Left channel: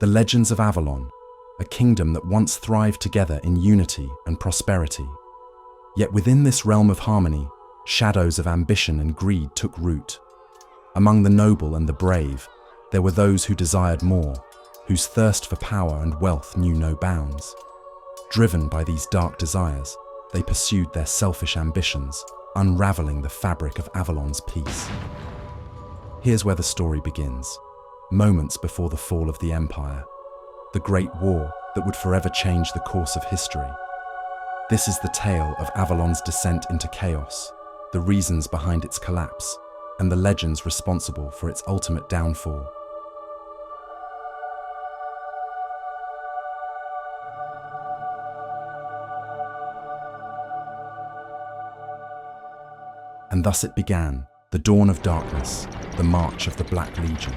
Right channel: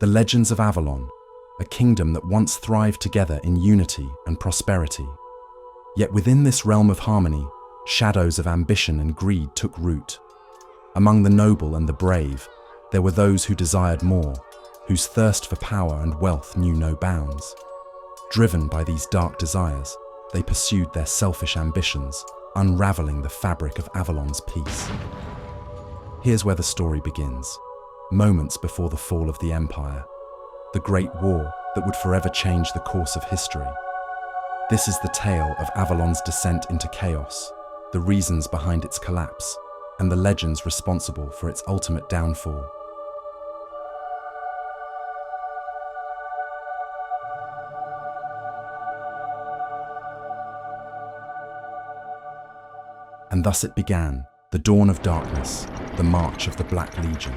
The legends of Avalon, a kingdom that once thrived together in unity and prosperity. Yet within this realm of harmony, shadows of ambition and greed took root. Among the noble and the brave, there were those who desired more, whose thirst for power and wealth knew no bounds. Driven by these dark desires, they pursued their selfish ambitions, unraveling the fabric of Avalon's peace. Here's where the story begins, moments before the fall of the Empire, the Great War that would forever change the course of history. This is the tale of Avalon's descent into chaos, the reasons behind its collapse, and the legends responsible for its ultimate downfall. And thus it began, the dawn of darkness, the march of the Black Legion.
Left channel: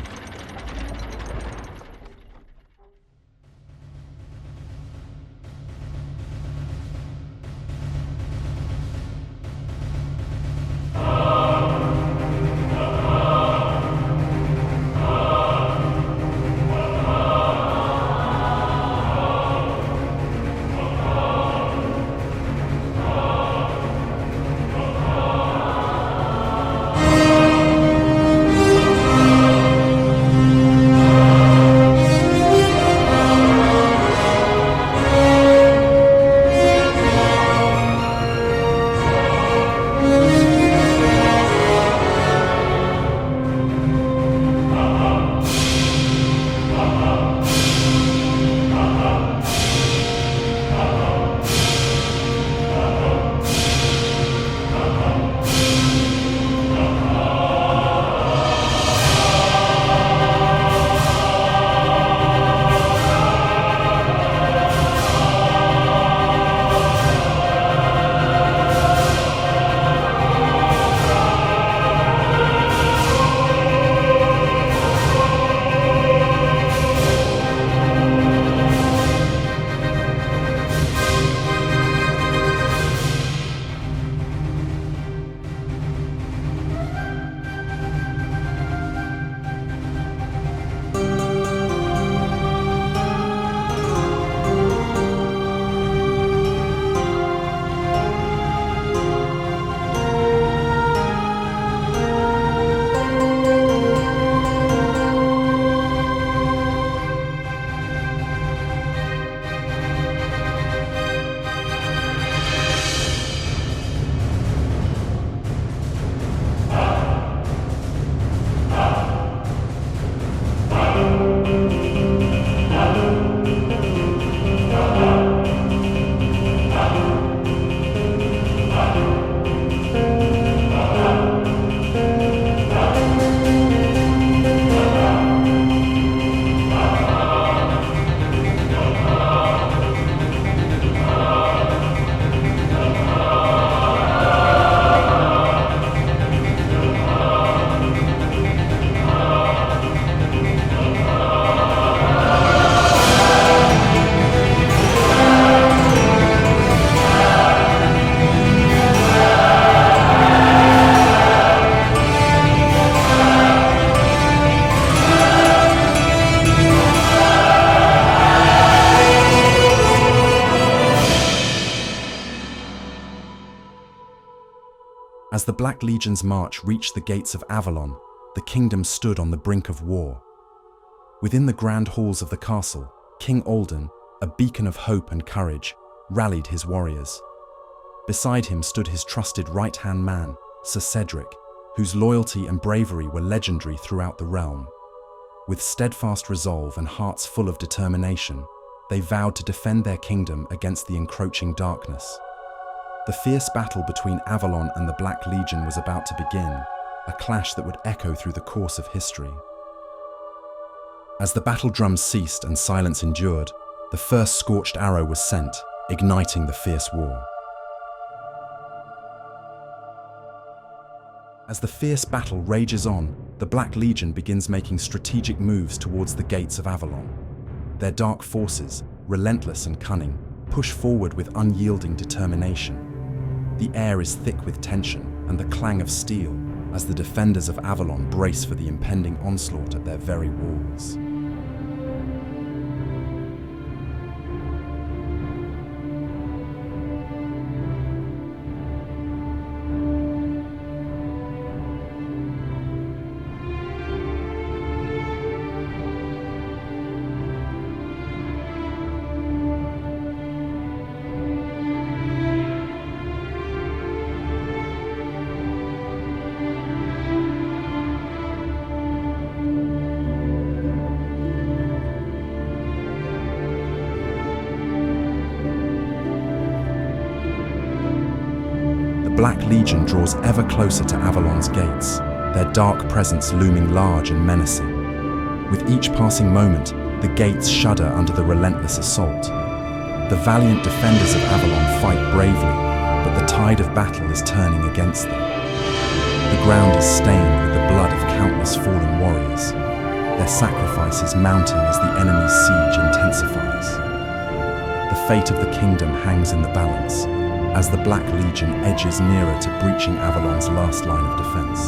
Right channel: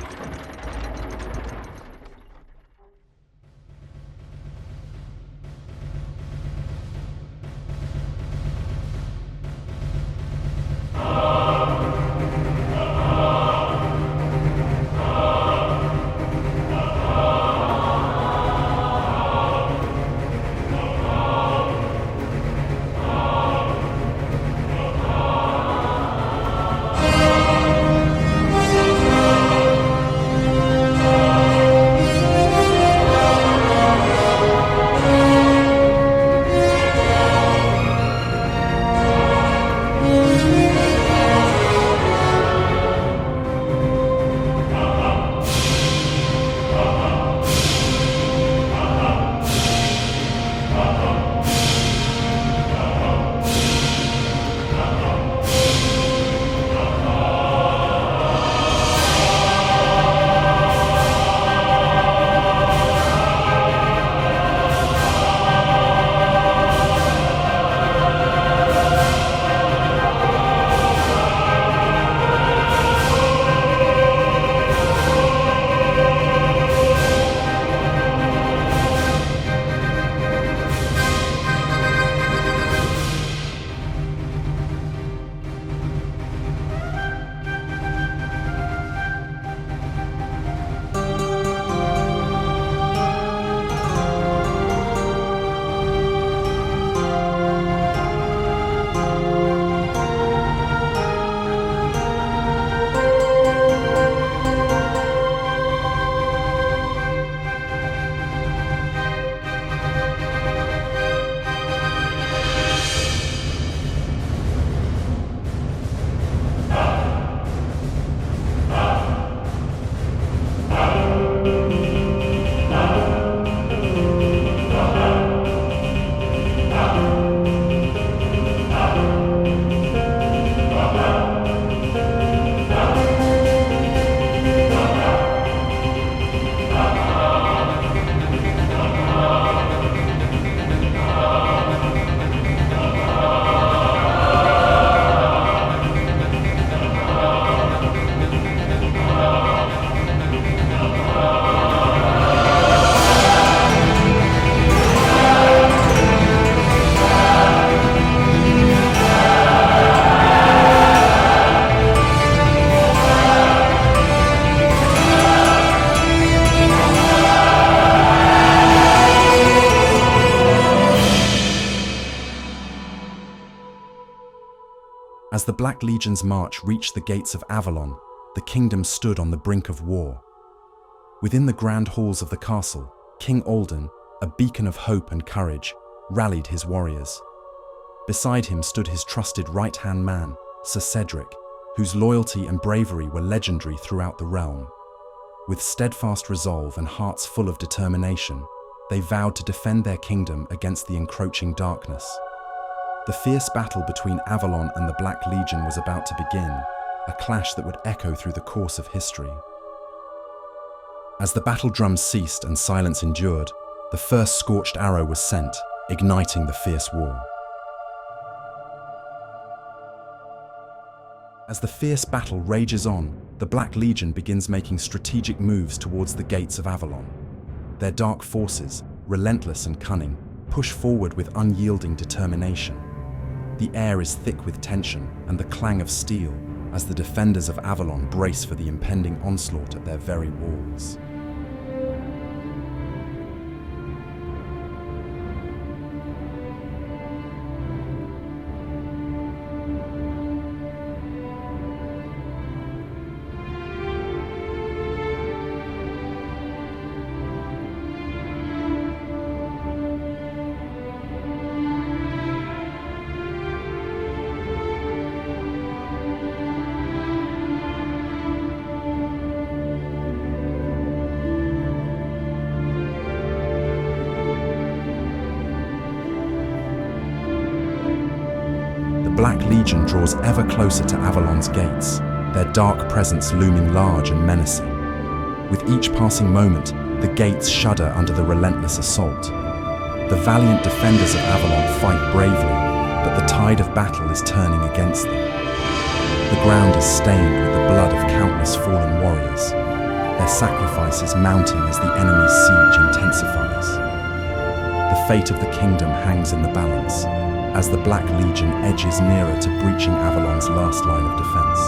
As the Black Legion's march reached the gates of Avalon, the kingdom stood on the brink of war. Within the grand halls of the castle, King Alden, a beacon of hope and courage, rallied his warriors. Beside him stood his trusted right-hand man, Sir Cedric, whose loyalty and bravery were legendary throughout the realm. With steadfast resolve and hearts full of determination, they vowed to defend their kingdom against the encroaching darkness. The fierce battle between Avalon and the Black Legion was about to begin, a clash that would echo through the course of history. As the battle drums ceased and silence endured, the first scorched arrow was sent, igniting the fierce war. As the fierce battle rages on, the Black Legion begins making strategic moves towards the gates of Avalon. Their dark forces, relentless and cunning, push forward with unyielding determination. The air is thick with tension and the clang of steel as the defenders of Avalon brace for the impending onslaught at their very walls. The Black Legion draws ever closer to Avalon's gates, their dark presence looming large and menacing. With each passing moment, the gates shudder under the relentless assault. The valiant defenders of Avalon fight bravely, but the tide of battle is turning against them. The ground is stained with the blood of countless fallen warriors, their sacrifices mounting as the enemy's siege intensifies. The fate of the kingdom hangs in the balance, as the Black Legion edges nearer to breaching Avalon's last line of defense.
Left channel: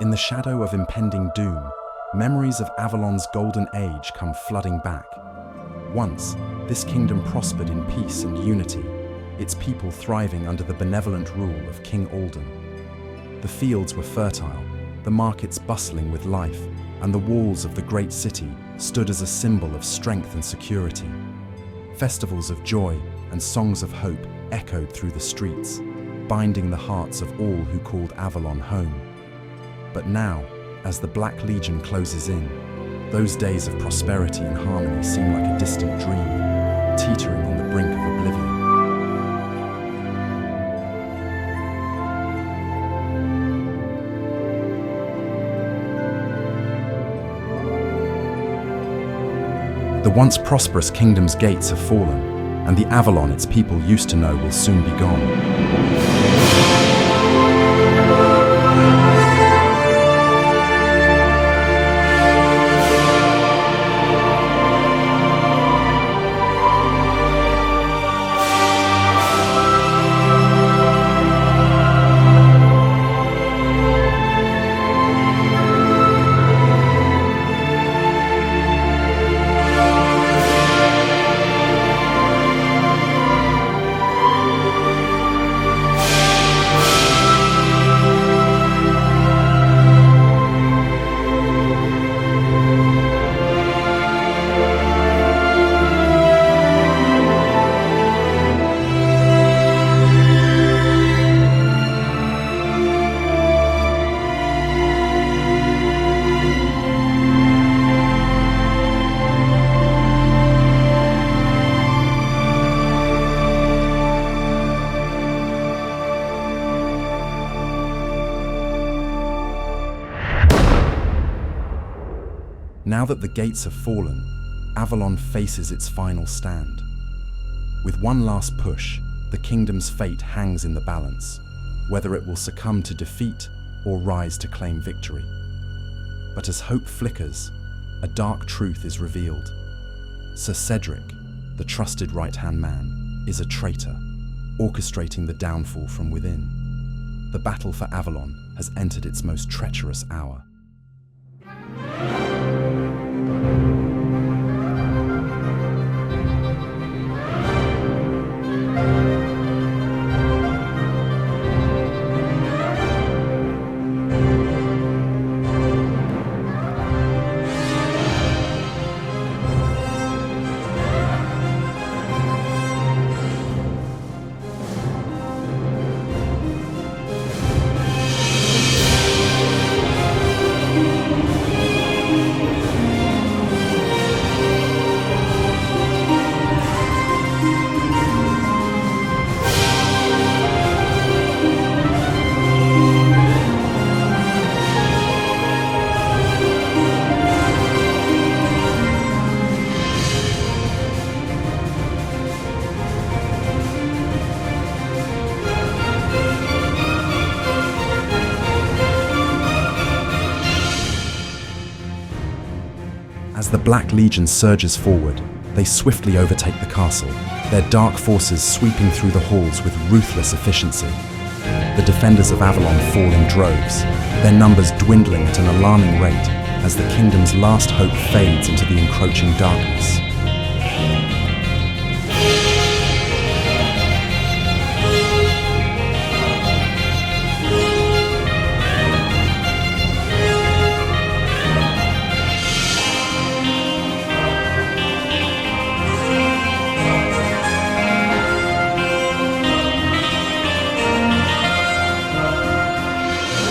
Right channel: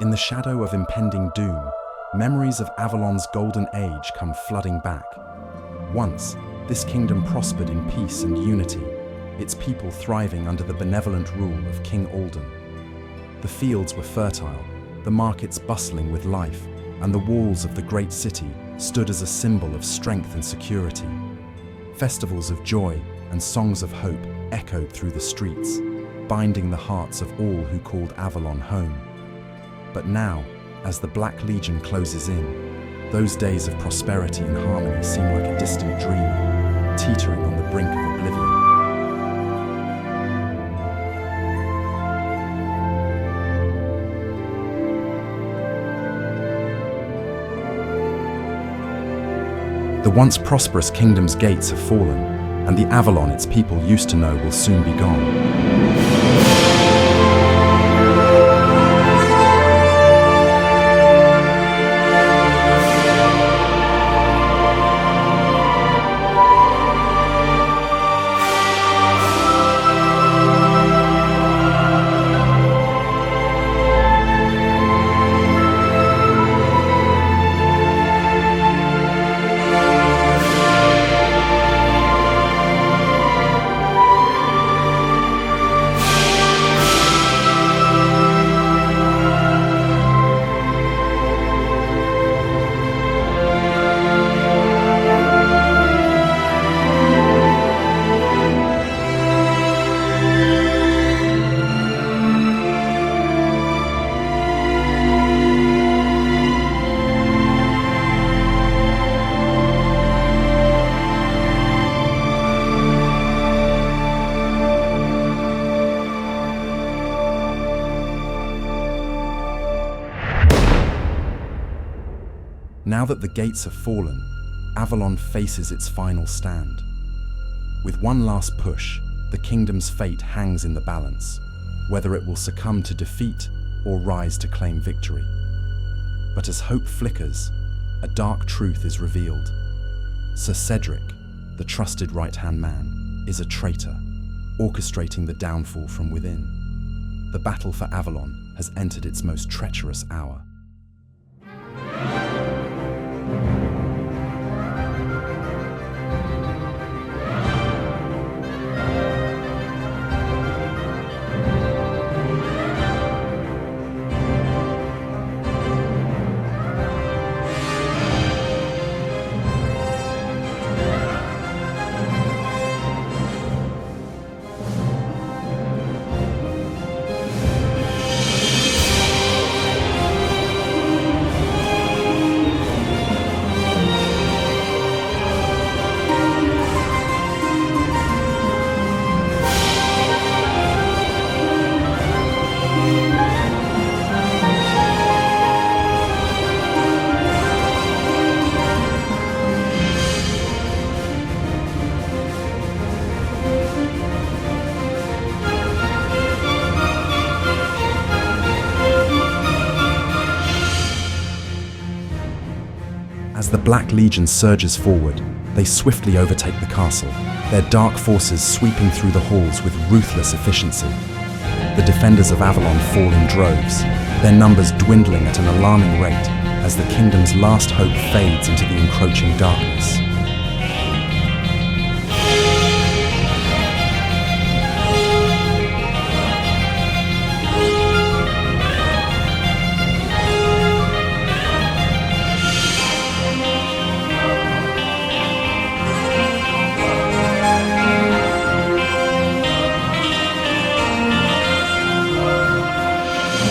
In the shadow of impending doom, memories of Avalon's golden age come flooding back. Once, this kingdom prospered in peace and unity, its people thriving under the benevolent rule of King Alden. The fields were fertile, the markets bustling with life, and the walls of the great city stood as a symbol of strength and security. Festivals of joy and songs of hope echoed through the streets, binding the hearts of all who called Avalon home. But now, as the Black Legion closes in, those days of prosperity and harmony seem like a distant dream, teetering on the brink of oblivion. The once prosperous kingdom's gates have fallen, and the Avalon its people used to know will soon be gone. Now that the gates have fallen, Avalon faces its final stand. With one last push, the kingdom's fate hangs in the balance, whether it will succumb to defeat or rise to claim victory. But as hope flickers, a dark truth is revealed. Sir Cedric, the trusted right-hand man, is a traitor, orchestrating the downfall from within. The battle for Avalon has entered its most treacherous hour. As the Black Legion surges forward, they swiftly overtake the castle, their dark forces sweeping through the halls with ruthless efficiency. The defenders of Avalon fall in droves, their numbers dwindling at an alarming rate, as the kingdom's last hope fades into the encroaching darkness.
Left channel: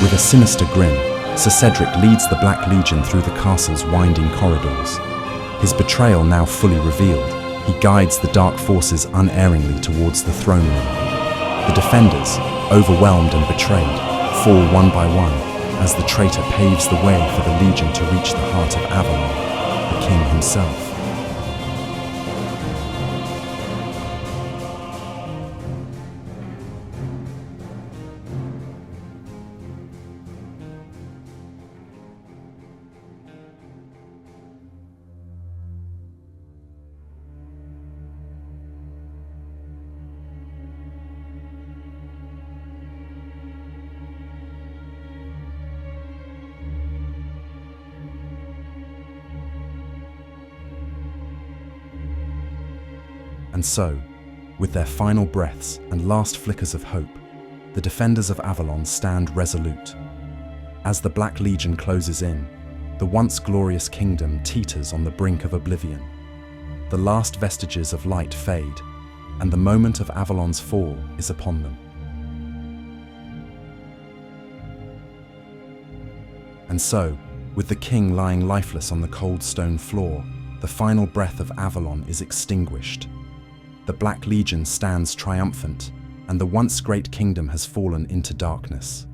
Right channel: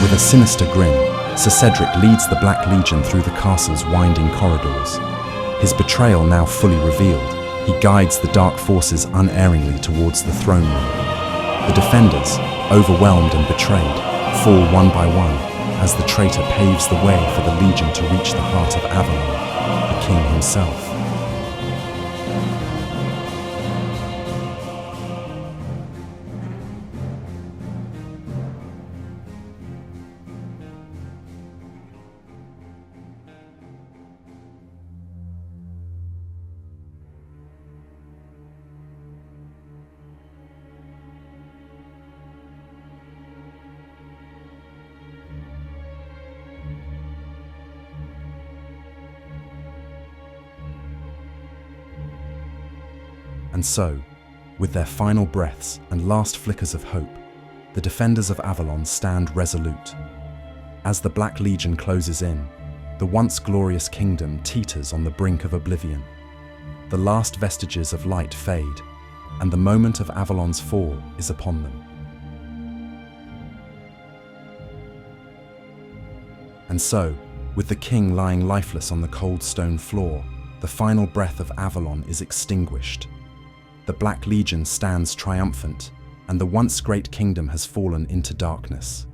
With a sinister grin, Sir Cedric leads the Black Legion through the castle's winding corridors. His betrayal now fully revealed, he guides the dark forces unerringly towards the throne room. The defenders, overwhelmed and betrayed, fall one by one as the traitor paves the way for the Legion to reach the heart of Avalon, the king himself. And so, with their final breaths and last flickers of hope, the defenders of Avalon stand resolute. As the Black Legion closes in, the once glorious kingdom teeters on the brink of oblivion. The last vestiges of light fade, and the moment of Avalon's fall is upon them. And so, with the king lying lifeless on the cold stone floor, the final breath of Avalon is extinguished. The Black Legion stands triumphant, and the once great kingdom has fallen into darkness.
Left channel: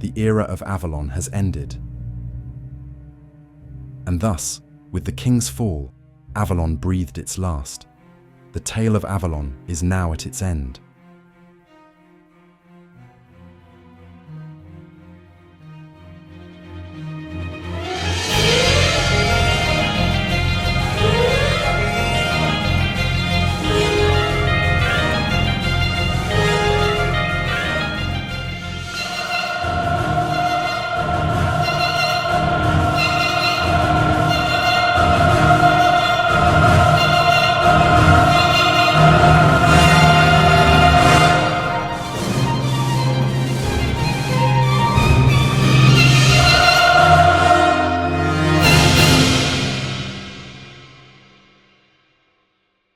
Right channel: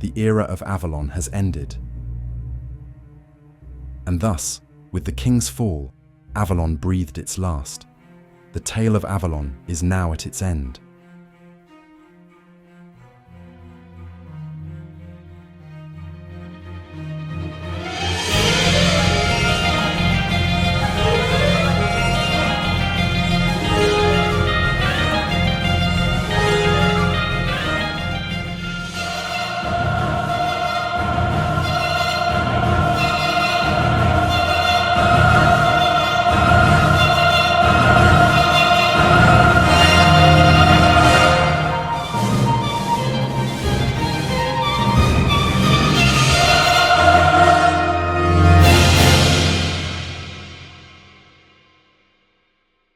The era of Avalon has ended. And thus, with the king's fall, Avalon breathed its last. The tale of Avalon is now at its end.